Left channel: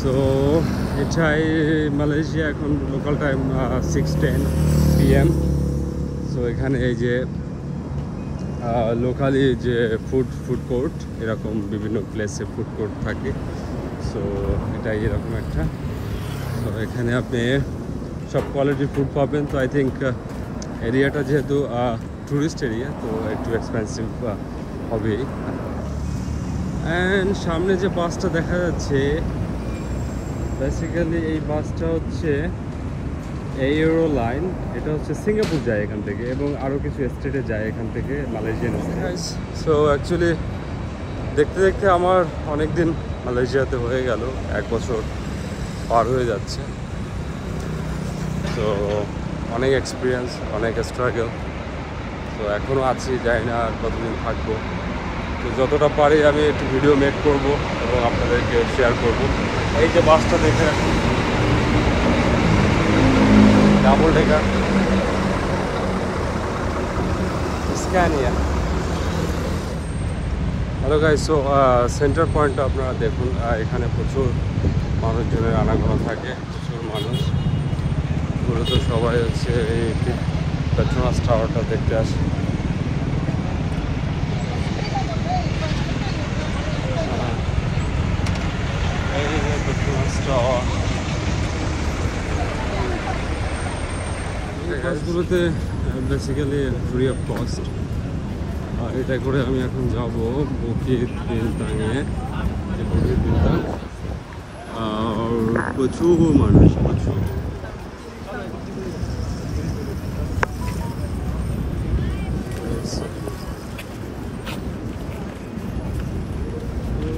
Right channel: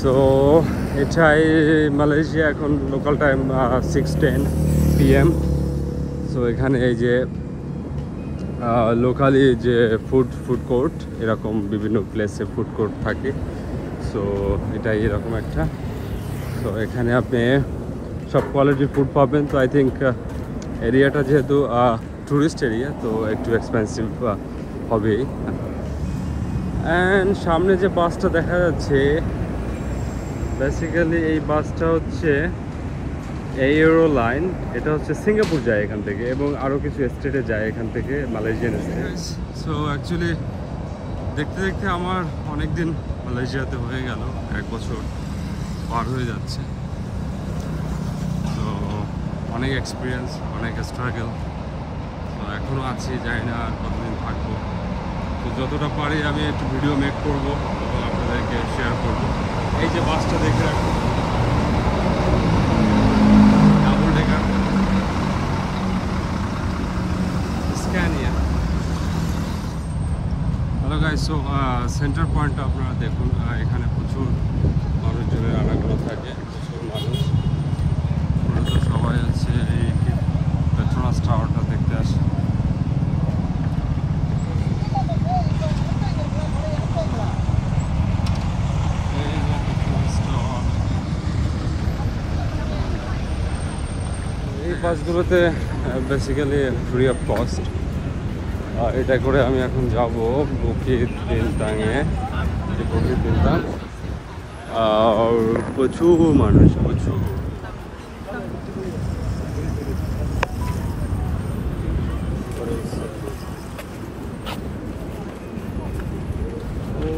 So এটাই Malaysia, এখন local time 6:10 PM। So এখানে এই যে লোকালি যে ফুড কোর্ট, এরকম বিভিন্ন প্লেসে ফুড কোর্ট থাকে। সো এটাই এরকম একটা। তো এখানে আপনি সব কোয়ালিটির ফুড পাবেন। তো আই থিঙ্ক এরিয়াটা যেহেতু টুরিস্ট এরিয়া, তো একটু এক্সপেন্সিভ হবেই। অ্যান্ড সামনে যে বাসটা দেখা যাচ্ছে, বেসিক্যালি এই বাসটা হচ্ছে এরো লাইন। এটা হচ্ছে সিঙ্গাপুর যায় এখান থেকে, এবং আরও কিছু স্টেটে যায় এখান থেকে, মালয়েশিয়ান স্টেট। সো অ্যাকচুয়ালি দেখতে দেখতে আমার অনেক দিন মালয়েশিয়াতে হয়ে গেল, 1 বছর পার হয়ে যাচ্ছে। তো অনেক এক্সপিরিয়েন্স, অনেক স্ট্রাগল। তো এখনও আছি, জানি না আর কতদিন থাকবো। তো যতটা পারি আমি একটু ভিডিও মেক করব এবং আপনাদেরকে শেয়ার করব। এই যে বাসটা দেখে রাখুন, double decker Scania. Hello guys, so centre পয়েন্টটা আপনারা দেখুন। এখানে প্রচুর মানুষজনের আনাগোনা থাকে, প্রচুর মানুষ। মূলত সবাই হচ্ছে এই পেট্রোনাস টাওয়ারটা দেখতে আসে। এই বাসগুলোতে বেসিক্যালি ফ্রি অফ কস্ট। এটা করে আমি এখন যাব বুকিত বিনতাংয়ে। যে বুকিত বিনতাং, আর প্রচুর মানুষ, প্রচুর।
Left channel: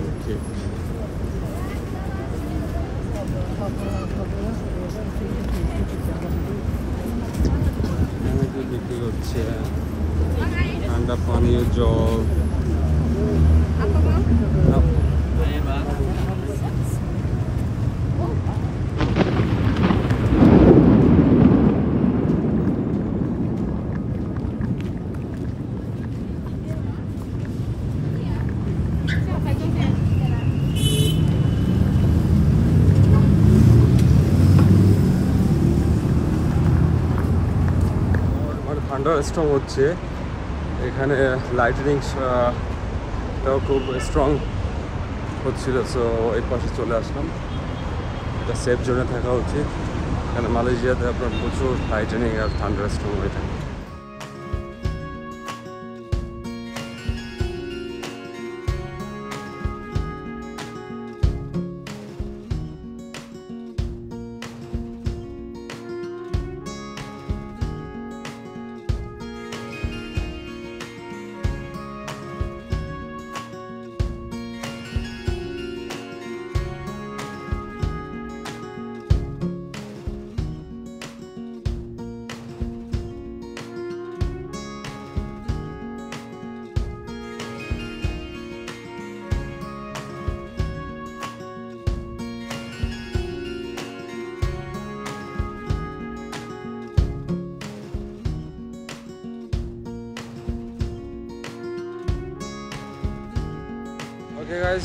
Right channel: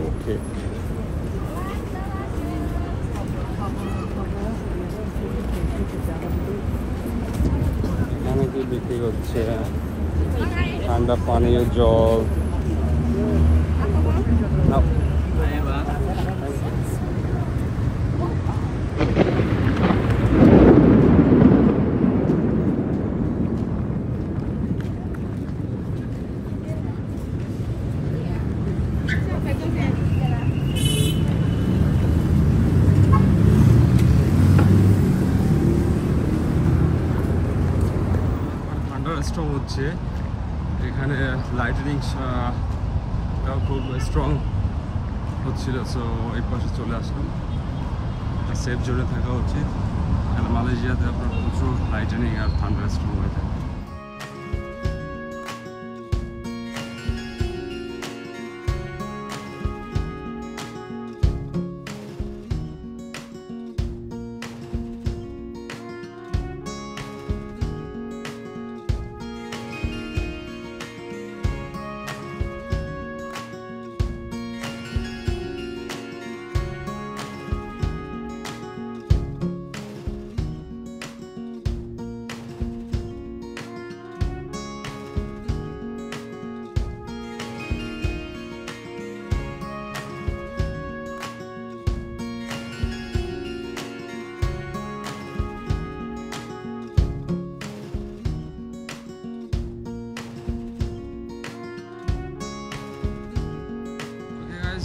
ওকে, বিক্রি হচ্ছে ঠান্ডা পানীয় জল। স্ট্রং হচ্ছে এখানে, লাইটনিংটাও খুব স্ট্রং হচ্ছিল। সো এই পাশে চলে আসলাম। এটা সেফ জোনে থাকা উচিত, এখানে মালয়েশিয়াতে আপনার প্রচুর লাইটনিং আর থান্ডার স্ট্রং হয়ে থাকে।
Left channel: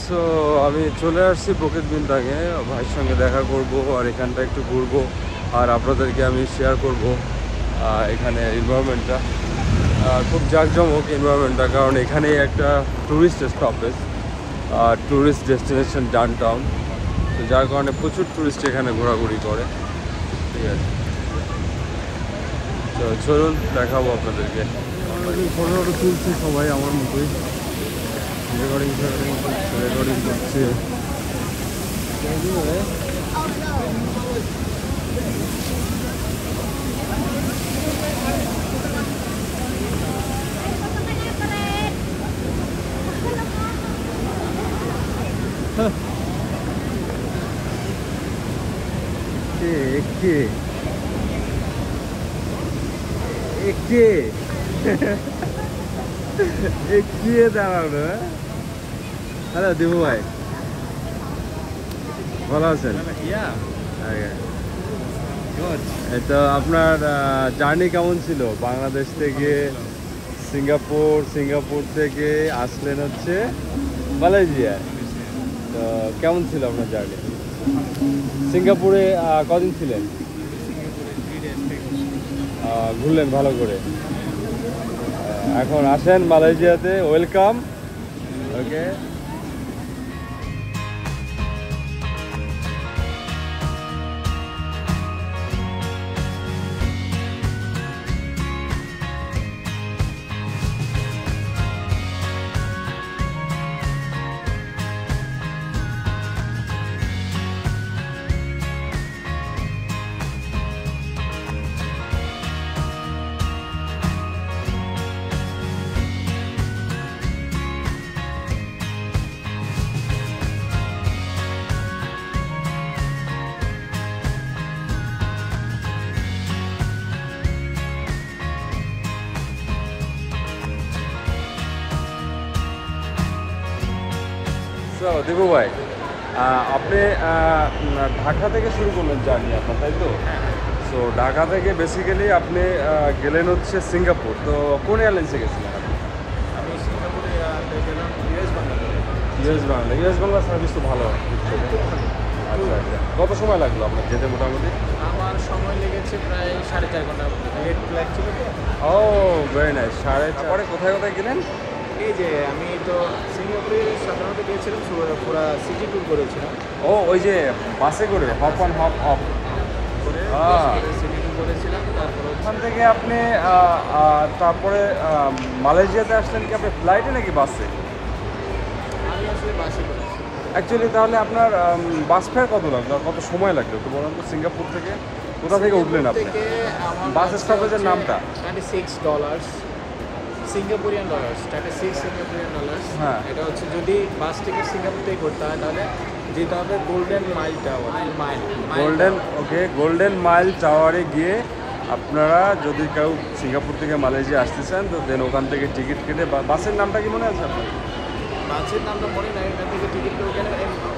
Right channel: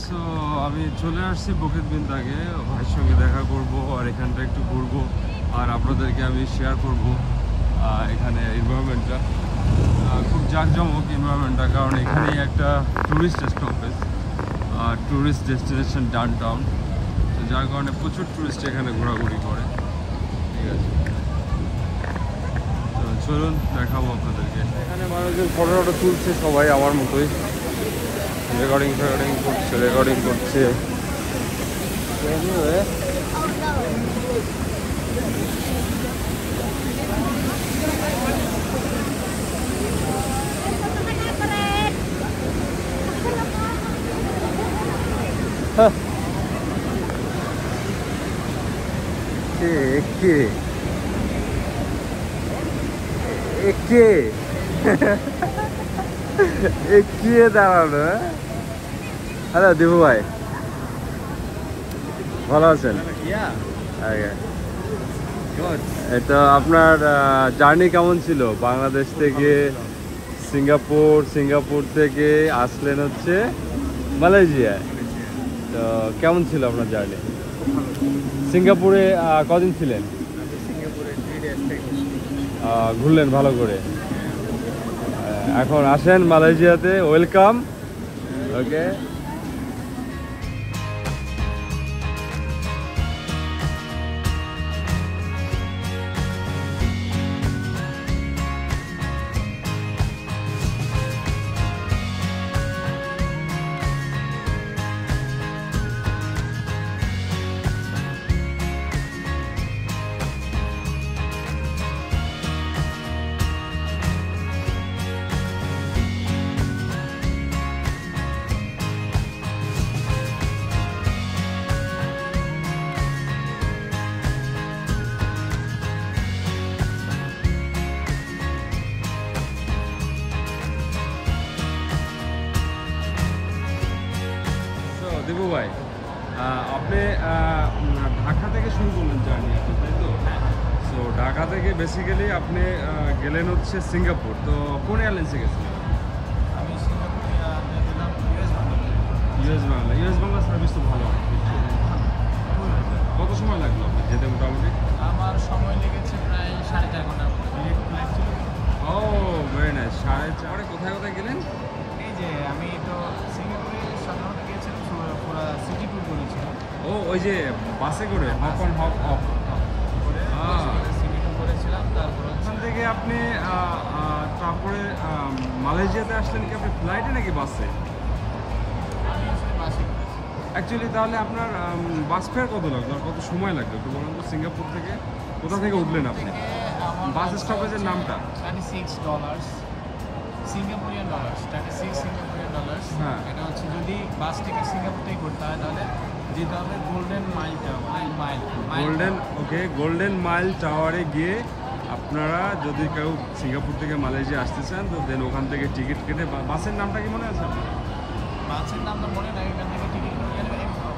সো আমি চলে আসছি বুকিত বিনতাংয়ে, ভাইয়ের সঙ্গে দেখা করব আর এখানটা একটু ঘুরবো, আর আপনাদেরকে আমি শেয়ার করব এখানে এনভায়রনমেন্টটা। খুব জাঁকজমক এনভায়রনমেন্টটা, কারণ এখানেই একটা tourist stoppage, tourist destination downtown. তো যার কারণে প্রচুর ট্যুরিস্ট এখানে ঘোরাঘুরি করে। ঠিক আছে, তো চলুন দেখাবো আপনাদেরকে। এখানে মানুষজন ফটো তুলছে, সবাই আমার মতোই রেকর্ডিং করছে। দাঁড়ানো। হ্যালো দিবু ভাই, ভালো আছেন? তো আপনার জার্নি কেমন ছিল বাংলাদেশ থেকে সিঙ্গাপুর থেকে আসলেন হচ্ছে মালয়েশিয়া? তো কেমন ছিল আপনার জার্নি? ভালো। সিঙ্গাপুরে কদিন ছিলেন? সিঙ্গাপুরে 3 days ঘুরলেন ভালো করে। এখন আসেন মালয়েশিয়াতে, ওয়েলকাম। ওকে, দীপু ভাই, আপনি ঢাকা থেকে শুরু করলেন জার্নি আপনার, তাই তো? সো ঢাকা থেকে বেসিক্যালি আপনি গেলেন হচ্ছে সিঙ্গাপুর। তো কোন এয়ারলাইন্সে গেছিলেন? আমি সিঙ্গাপুরে গেলাম US Bangla. US Bangla service তো ভালো। আচ্ছা আচ্ছা, কত সময় লাগলো আপনার যেতে মোটামুটি? আমার সময় লেগেছে প্রায় 4.5 ঘন্টার মতো। রেড ফ্ল্যাগ ছিল তো। ও ভেরি নাইস। 4.5 পরে কোথায় কোথায় গেলেন? এই যে আমি তো সিঙ্গাপুরে সাধারণত গিয়েছিলাম, পুরো সিটি ট্যুর করেছিলাম। ও ওই যে বাসে করে হপ অন হপ অফ করে সিটি ট্যুর করেছিলাম। তারপরে ওখান থেকে আপনি তারপরে মালয়েশিয়াতে আসলেন কি আপনি ফ্লাইটে নাকি বাসে? আমি আসলে বাসে করেছি। অ্যাকচুয়ালি তাহলে আপনার বাস ফেয়ার কত লাগলো আর কত সময় লাগলো একটু বলুন তো? সিঙ্গাপুর থেকে কোথা থেকে উঠলেন আপনি? বাস স্টপেজের নামটা? $36 সিঙ্গাপুরিয়ান ডলার্স। Singaporean dollars. হ্যাঁ, এটা হচ্ছে যদি বাস টিকিট সিঙ্গাপুর থেকে করতে হয় তাহলে যেতে হবে golden mile tower. Golden mile টাওয়ারে গিয়ে আপনারা যদি কেউ সিঙ্গাপুর থেকে মালয়েশিয়া আসতে চান তো দেন ওখান থেকে টিকিট কেটে, বাসের নামটা কি মনে আছে আপনার? বাসের নামটা মনে নাই, এখান থেকে টিকিট করে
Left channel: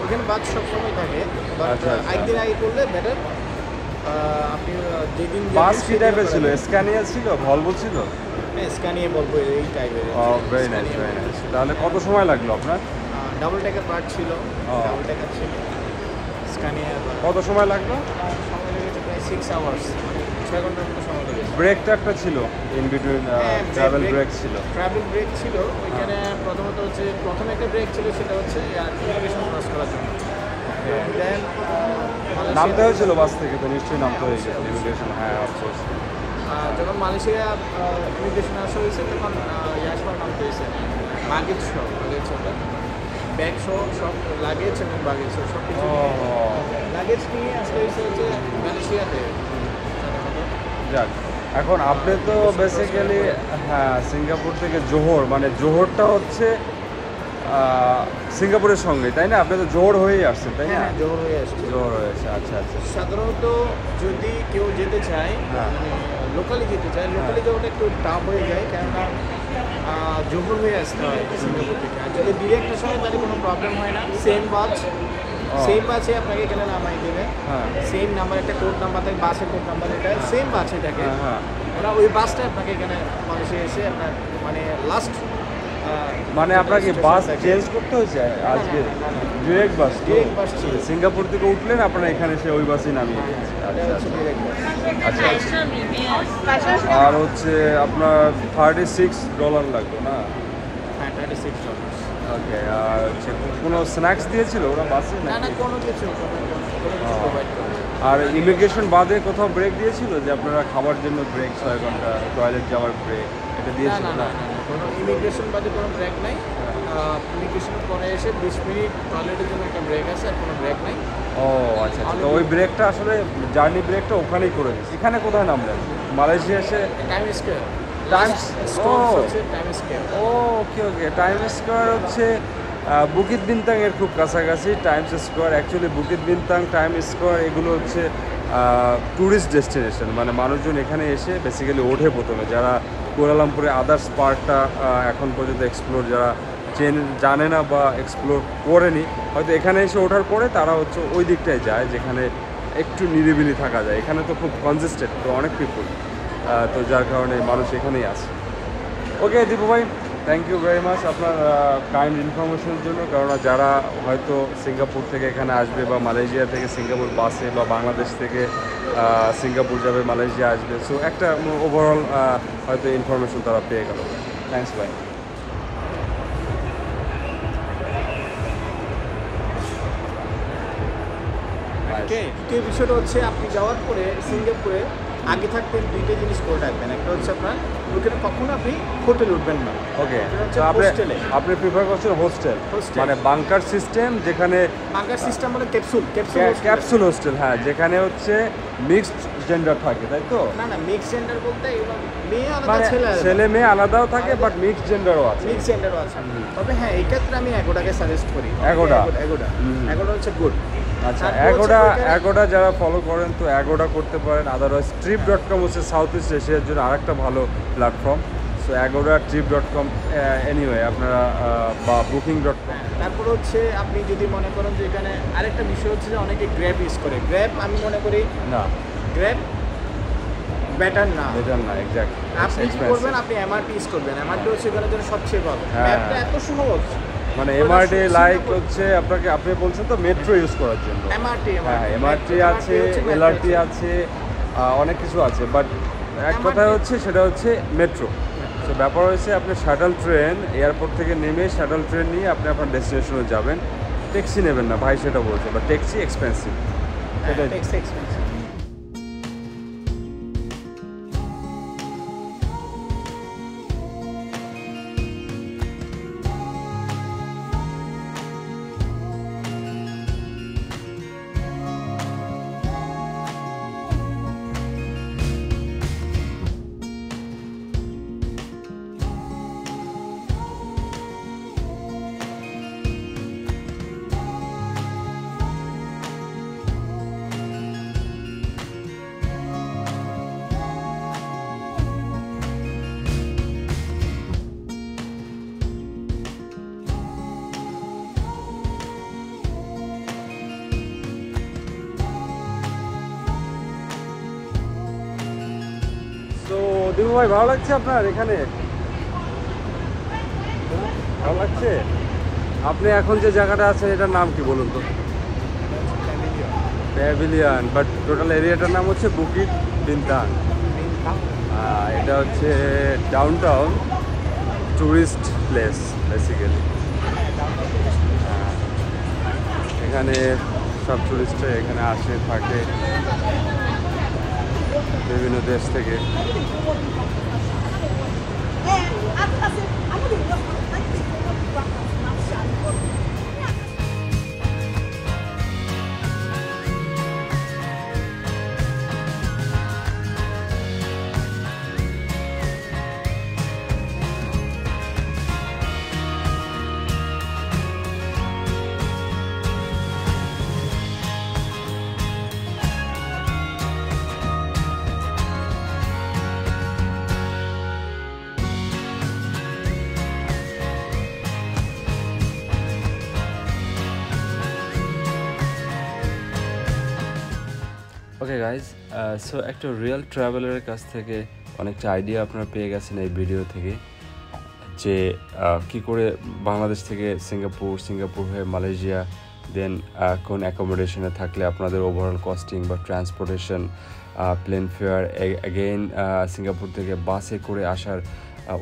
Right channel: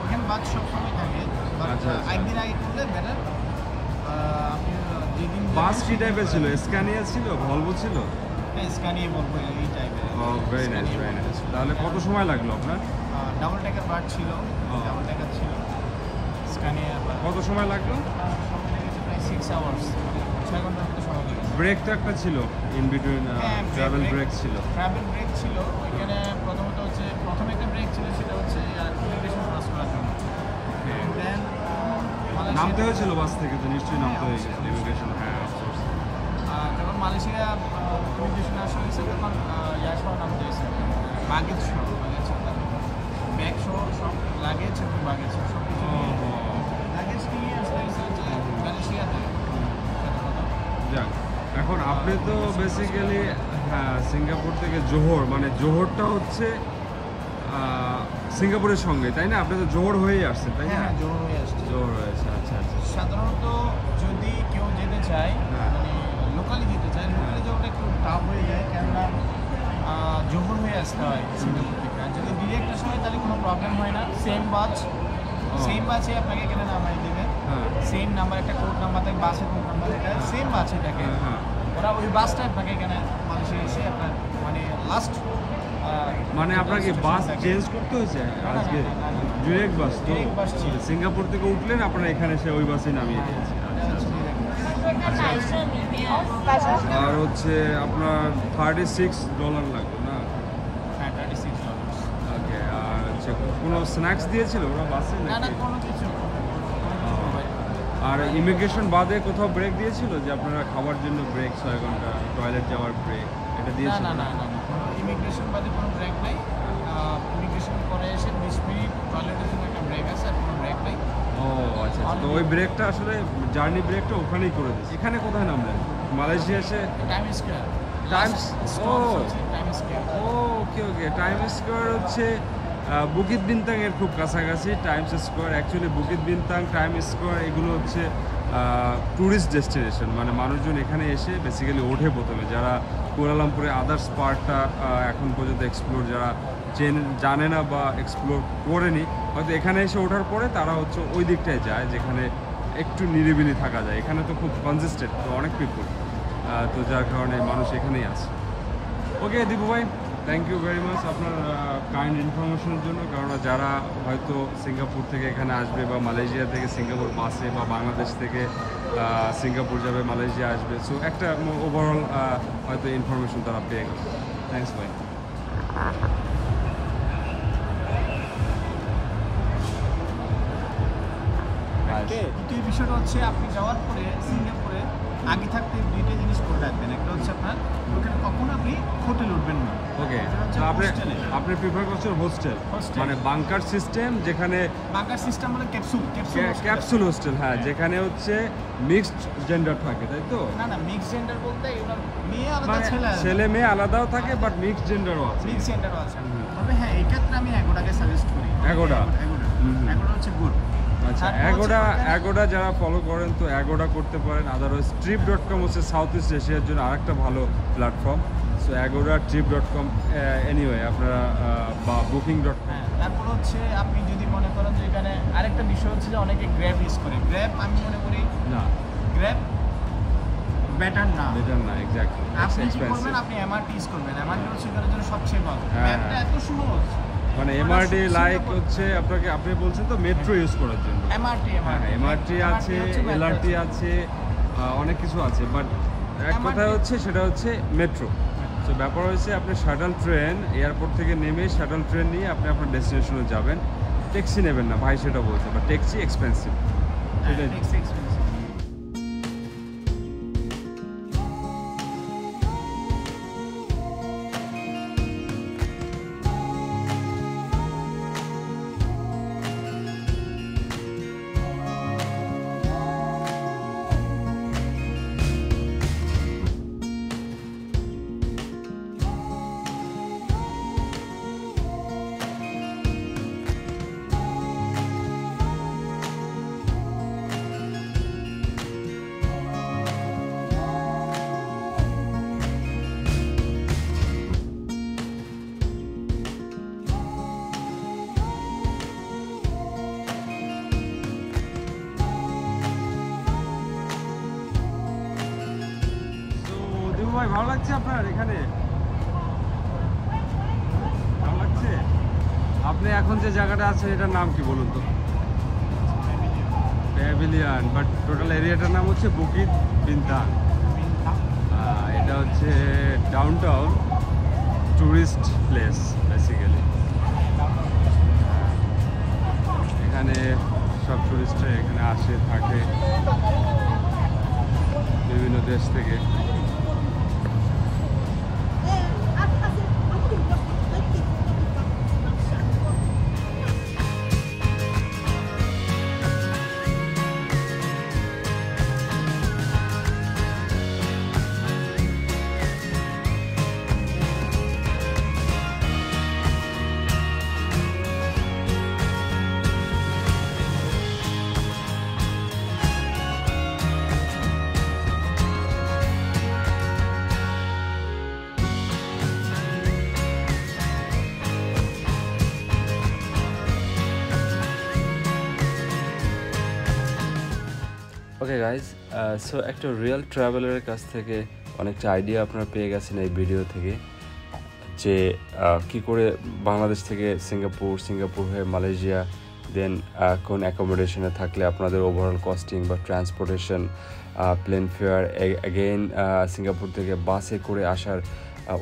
ওখানে বাস সবসময় থাকে। বাট আচ্ছা, আচ্ছা। একদিন আগে করলে বেটার। আপনি যেদিন বাস কি টাইপের ছিল? স্ক্যানিয়া ছিল, ভলভো ছিল? হ্যাঁ, স্ক্যানিয়া বলবো এই টাইপের। Very nice, very nice. তাহলে কত সময় লাগলো আপনার? ডাবল ট্যাকার বাস ছিল, ডাবল ট্যাকার ছিল স্ক্যানিয়া। কত সময় লাগলো? সময় লেগেছে প্রায় 6 আওয়ার্স, 6 ঘন্টার মতো সময় লেগেছে। ব্রেকটা একটা ছিল ইন বিটুইন, ট্রাভেল ব্রেক ছিল। ট্রাভেল ব্রেক ছিল ওইখানে। প্রথমত হচ্ছে প্রথমে একটা ব্রেক ছিল, সেটা হচ্ছে ইমিগ্রেশন ক্রস করার জন্য। দেন নামতে হয়েছিল বাস থেকে, তো নিশ্চয়ই নামতে হয়েছে ইমিগ্রেশন। হ্যাঁ, অফকোর্স। যখন মালয়েশিয়া ইমিগ্রেশন আসা হয়েছে তখন ইয়াসমার নামতে হয়েছে। লাগেজ সহ, ব্যাগ সহ সব লাগেজ এবং বাগেজ সব কিছু লাগেজ নিয়ে আসতে হয়েছে হচ্ছে মালয়েশিয়াতে সাধারণত। যাক, এখন আপনি তো বেসিক্যালি হ্যাঁ সিঙ্গাপুর থেকে জোহর, মানে জোহরটা হচ্ছে সিঙ্গাপুরের সঙ্গে, তাই না? আপনি তো জোহর হয়েই আসছেন, তাই না? জোহর হয়ে আসছে। জোহর হয়েছে, আচ্ছা আচ্ছা। সাধারণত যদি কেউ যেতে চায়, মানে লোকালি যেতে চায়, লোকালি যাওয়াটা একটু টাফ হয়ে যায়, কেননা জোহর হয়ে আসতে হয় সিঙ্গাপুর থেকে। আর যদি ডিরেক্ট আসা হয় তাহলে কোনো প্রবলেম হয় না। সেম বাসে আপনাকে এখানে নামাই দেবে। সেম নাম্বার, একটা কোড নাম্বার থাকে, বাসের কোড নাম্বার, এটা সেম বাসে থাকে। ওরা ওই বাসটা আপনাকে এখানে মালয়েশিয়া এসে আপনার মানে লাস্ট, মানে আপনাকে বাস চেঞ্জ করতে হয়েছে আজকে? ডিরেক্ট বাস তো? সিঙ্গাপুর থেকে উঠলেন আপনারা এখানে এসে ওই বাসই নামিয়ে দিয়েছে। আচ্ছা আচ্ছা। আর হচ্ছে আপনার $36 লাগলো না? হ্যাঁ, $36। ওকে। আর হচ্ছে কোনো স্ন্যাক্স দিয়েছিল ওরা বাসে? না, কোনো কিছু প্রোভাইড করে। আর ইমিগ্রেশন বাদে কোথাও ব্রেক দিয়েছিল যে আপনারা খাবার জন্য ব্রেক, 6 ঘন্টা টয়লেট যাওয়ার ব্রেক, এটা দিয়েছিল? না, কোনো ইমিগ্রেশন বাদে কোনো ব্রেক নাই। ইমিগ্রেশনের পরে এসে 20 মিনিট টয়লেটের জন্য একটা ব্রেক আছে, আর কোনো ব্রেক নাই। ও আচ্ছা, তো ওই ব্রেকটা আসলে জার্নি ব্রেকটা ওখানেই করে দিয়েছে। এখানে কোথায় নামলেন মালয়েশিয়া এসে? Time square. Okay. Time square হচ্ছে বুকিত বিনতাং এর খুব কাছাকাছি Times Square. Actually Bukit Bintang, time square এগুলো হচ্ছে ট্যুরিস্ট ডেস্টিনেশন, মানে মানুষজন এখানে এসে বেসিক্যালি ওঠে প্রথমে, যারা কুয়ালালামপুরে আদার্স পার্কটা এখন পর্যন্ত এক্সপ্লোর যারা জানে না বা এক্সপ্লোর করেনি, হয়তো এখানে এসে ওঠার পরে তারা হচ্ছে ওই দিকটায় যায় যেখানে একটু নিরিবিলি থাকা যায়। এখানে তো খুব কনজেস্টেড, তো অনেক পিপুল, তো যার কারণে মানুষ এখানেই আসে। ওকে দীপু ভাই, থ্যাংক ইউ ভেরি মাচ আপনার কাইন্ড ইনফরমেশনের জন্য। কারণ যারা হয়তো সিঙ্গাপুর থেকে এখানে আসবে বা মালয়েশিয়া থেকে সিঙ্গাপুর বাসে বা বাংলাদেশ থেকে সিঙ্গাপুর যাবে, মালয়েশিয়া আসবে, সো একটা ওভারঅল হয়তো ইনফরমেশন তারা পেয়ে গেল। থ্যাংকস ভাই। দ্বিতীয় বিষয়টা হচ্ছে আপনি যাওয়ার পরে সিঙ্গাপুরে আগে থাকতে দুইটা জিনিস করে রাখবেন। একটা হচ্ছে আপনার ওখানে কখনো আপনি হোটেল উঠবেন না। ওকে, আপনি প্রিফার করছেন হোস্টেল, মানে বাংকার সিস্টেম, যেখানে বাংকার সিস্টেম মানে ক্যাপসুল হোস্টেল, হ্যাঁ, যেখানে হচ্ছে মিক্সড জেন্ডার থাকে, তাই তো? না মিক্সড জেন্ডার বলতে মেয়ে আলাদা ছেলে মেয়ে আলাদাও থাকে, বাট মিক্সড জেন্ডারও আছে। তবে হ্যাঁ, এই ক্ষেত্রে আমি এগোটাকে সাজেস্ট করি। এগোটা হচ্ছে গুড। আচ্ছা, এগোটা যারা ফলো করেন তো এগোটা করতে পারেন। আদারওয়াইজ trip.com হচ্ছে সাউথ ইস্ট এশিয়ার জন্য আরেকটা ভালো প্ল্যাটফর্ম। সো এগোটা, trip.com, এনিওয়ে আপনারা বা booking.com। তারপরে হচ্ছে আপনি যদি মনে করেন যে এখানে আরেকটা বিষয় হচ্ছে যে অনেকে গ্র্যাব ইউজ করে। গ্র্যাব আমি মনে করি না, গ্র্যাব বেটার না, এক্স্যাক্টলি। আপনি কি করবেন, আপনি এমআরটি ইউজ করবেন। এমআরটি হচ্ছে এখানে জন্য সবচেয়ে ভালো। গ্র্যাবটা এত সহজ, মানে এমআরটি লাইক হচ্ছে আপনি বলছেন তো মেট্রো ইউজ করার জন্য। এমআরটি আছে, এলআরটি আছে, অনেক কিছু আছে, বাট এক কথা হচ্ছে সেটা হচ্ছে মেট্রো। তো ব্যাপার হচ্ছে আপনি শাটল ট্রেন, এয়ারপোর্ট থেকে নেমে শাটল ট্রেন নিয়ে আপনি আপনার ডেস্টিনেশনে যাবেন। ট্যাক্সি নেবেন না ভাই, সেটা বলছে, বা ট্যাক্সি এক্সপেন্সিভ। দিবু ভাই, ভালো লাগছে আপনার এখানে? ভালো লাগছে? আপনি এখন যে জায়গাটা আছেন এটার নাম কি বলুন তো? প্যাভিলিয়ন, বাট টোটাল এরিয়াটার নাম হচ্ছে বুকিট বিনতাং। এটা হচ্ছে ডাউনটাউন টুরিস্ট প্লেস বেসিক্যালি। এখানে সব টুরিস্টরা এখানে আসে থাকে বিভিন্ন দেশ থেকে। ওকে গাইজ, সো একটা রিয়েল ট্রাভেলারের কাছ থেকে অনেকটা আইডিয়া আপনারা পেয়ে গেছেন এই ভিডিও থেকে, যে কি করে বাংলাদেশ থেকে সিঙ্গাপুর হয়ে মালয়েশিয়া, দেন কোন অ্যাকোমোডেশনে থাকলে আপনাদের ওভারঅল কস্টিং বা transportation, plane fare, again Singapore থেকে বাসে করে আসার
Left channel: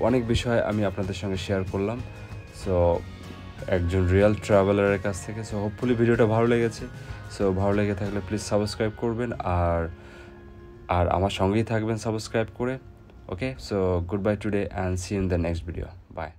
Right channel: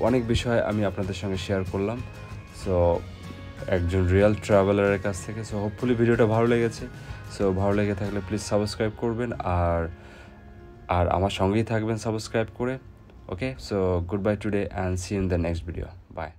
অনেক বিষয় আমি আপনাদের সঙ্গে শেয়ার করলাম। সো একজন রিয়েল ট্রাভেলারের কাছ থেকে। সো হোপফুলি ভিডিওটা ভালো লেগেছে। সো ভালো লেগে থাকলে প্লিজ সাবস্ক্রাইব করবেন, আর আমার সঙ্গেই থাকবেন সাবস্ক্রাইব করে। Okay, so goodbye today and see in the next video. By.